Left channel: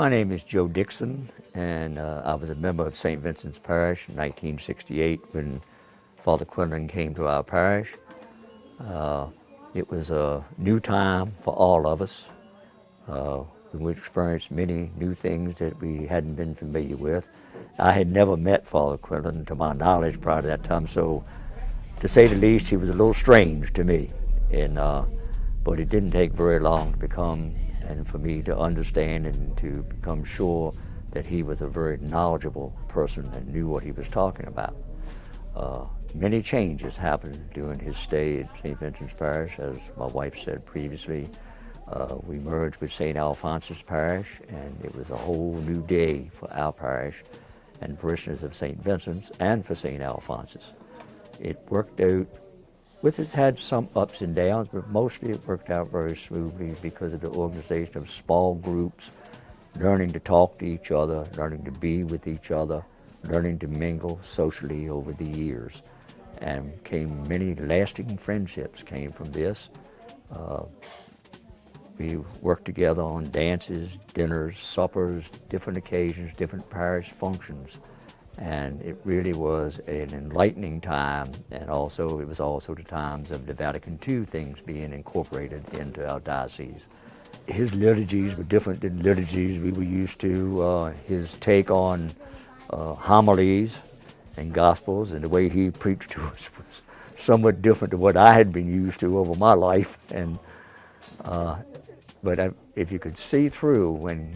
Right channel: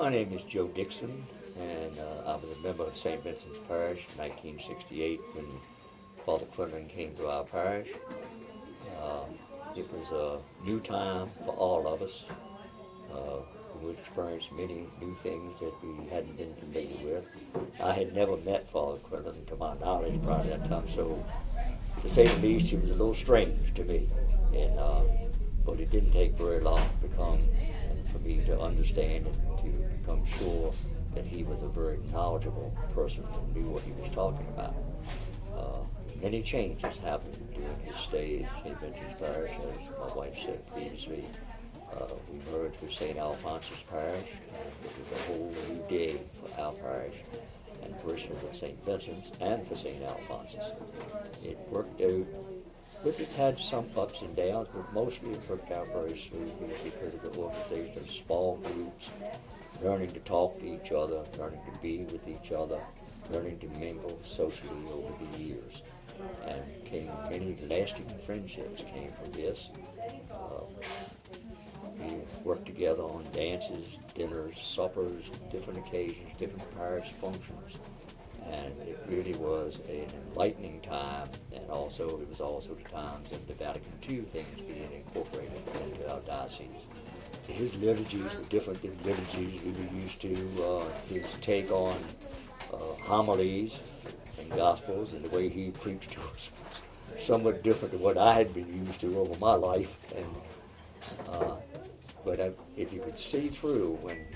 My name is Joe Dixon, and I was a member of St. Vincent's Parish in 1968 when Father Quinlan came to our parish. It was a new time for all of us. We experienced many new things that we hadn't been familiar with. I had never met Father Quinlan, to my knowledge, prior to that time, so to say the least, he was a little strange to me. But it didn't take very long to become, and for me to understand and to become sure that he was a very knowledgeable person and knew what he was talking about. Many changes happened during his stay at St. Vincent's Parish, as my wife said previously. We merged with St. Alphonsus Parish, and it was a whole new day for our parish and parishioners of St. Vincent's and for St. Alphonsus. It worked out, it had some ups and downs, but mostly it worked out very smoothly because of the organization of small groups, learning to talk to each other, learning to be with each other, learning to mingle socially over the years. And many lasting friendships came from this. We worked together on dances, dinners, suppers, different occasions, different parish functions. And it really was an enlightening time, and it was also the times of the Vatican II things being incorporated into our diocese. His liturgies were different than liturgies we were used to. His take on homilies and gospels and the way he preached to us was somewhat different than what I had been used to over my life. But if you could see through when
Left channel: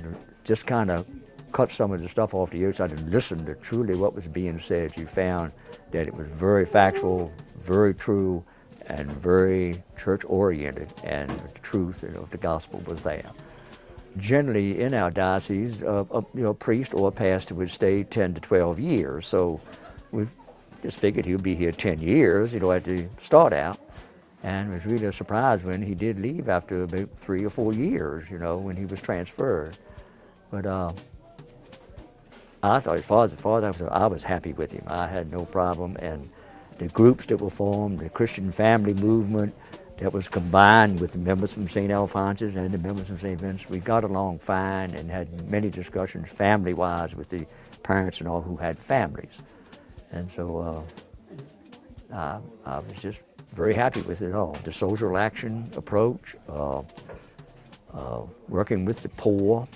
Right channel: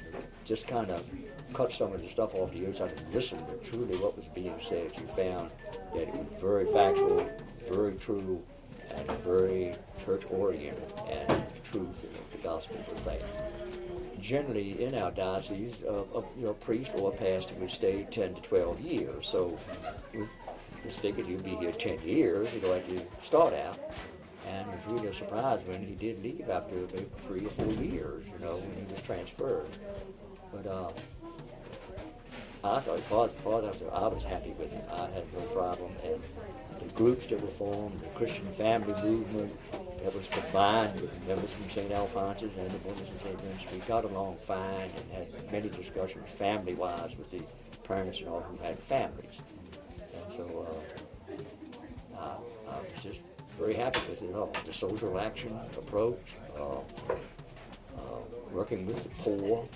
just kind of cut some of the stuff off the outside and listen to truly what was being said, you found that it was very factual, very true, and very church-oriented, and the truth of the gospel was there. Generally, in our diocese, a priest or a pastor would stay 10 to 12 years, so we just figured he'd be here 10 years, at the start out. And it was really a surprise when he did leave after about 3 or 4 years, when he was transferred. But I thought, as far as I was happy with him. I had no problem. And the groups that were formed, the Christian family movement that was combined with the members from St. Alphonsus and the members from St. Vincent, we got along fine and had many discussions family-wise with the parents and all who had families. And so I was just very happy with it all. The social action approach, working with the poor,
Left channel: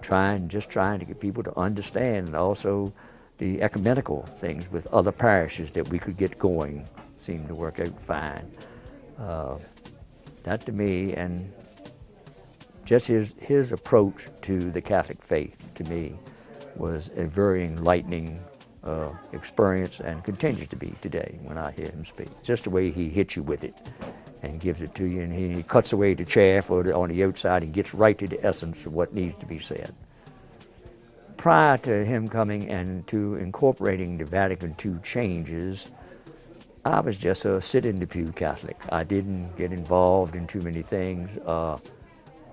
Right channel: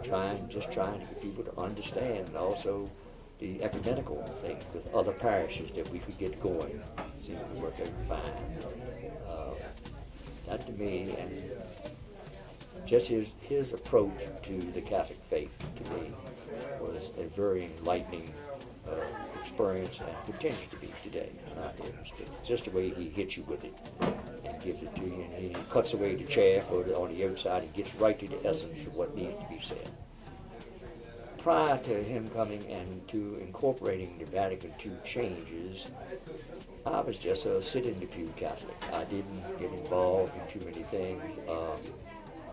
trying to get people to understand, and also the ecumenical things with other parishes that we could get going seemed to work out fine. That to me, and just his approach to the Catholic faith, to me, was a very enlightening experience, and continues to be today when I hear him speak. Just the way he hits you with it and gives it to you, and he cuts away the chaff on the outside and gets right to the essence of what needs to be said. Prior to him coming and to incorporating the Vatican II changes, I was just a sit-in-the-pew Catholic. I didn't get involved in too many things,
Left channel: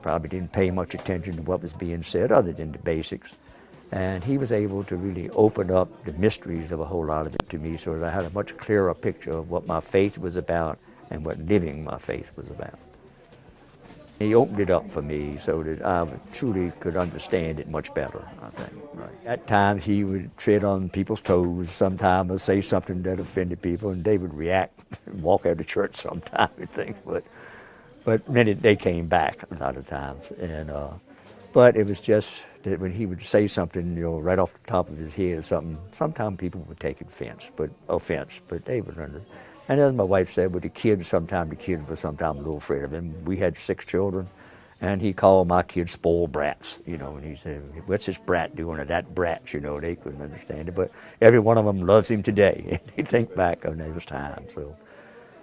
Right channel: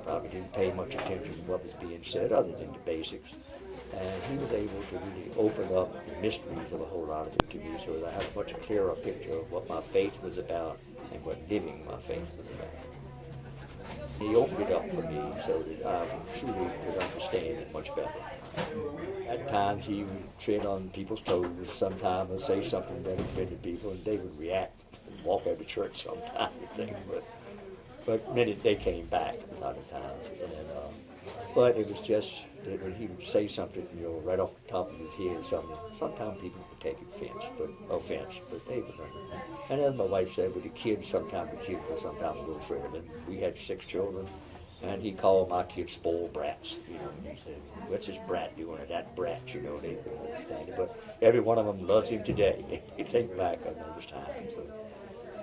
probably didn't pay much attention to what was being said other than the basics. And he was able to really open up the mysteries of a whole lot of it to me, so that I had a much clearer picture of what my faith was about and what living my faith was about. He opened it up for me so that I truly could understand it much better, I think. At times he would tread on people's toes sometimes, or say something that offended people, and they would react and walk out of church sometimes and things. But many, they came back a lot of times. But it was just that when he would say something, right off the top of his head or something, sometimes people would take offense, but they would understand. And as my wife said, with the kids, sometimes the kids were sometimes a little afraid of him. We had 6 children, and he called my kids spoiled brats, and he said, what's this brat doing, or that brat, they couldn't understand it. But every one of them loves him today, and they think back on those times. So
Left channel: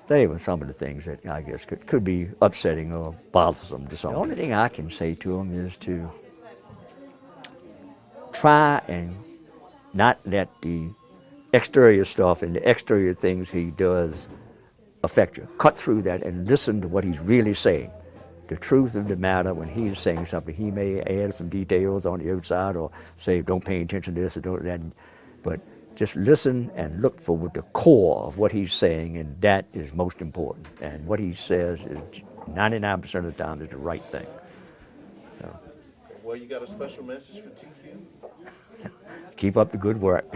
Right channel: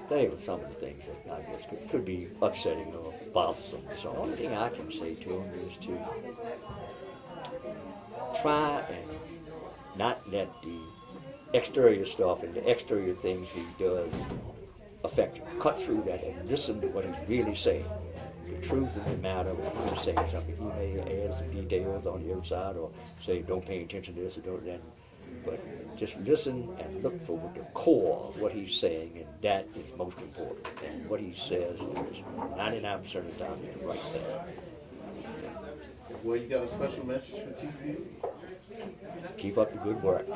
they were some of the things that I guess could be upsetting or bothersome to some. The only thing I can say to him is to try and not let the exterior stuff and the exterior things he does affect you. Cut through that and listen to what he's really saying. The truth of the matter, when he's saying something, he may add some details on the outside or say, don't pay attention to this or don't that. But just listen and look for the core of what he's saying, and that is most important. And what he says is 99% of the time is the right thing. Well, you got a special message for TQ? Keep up the good work.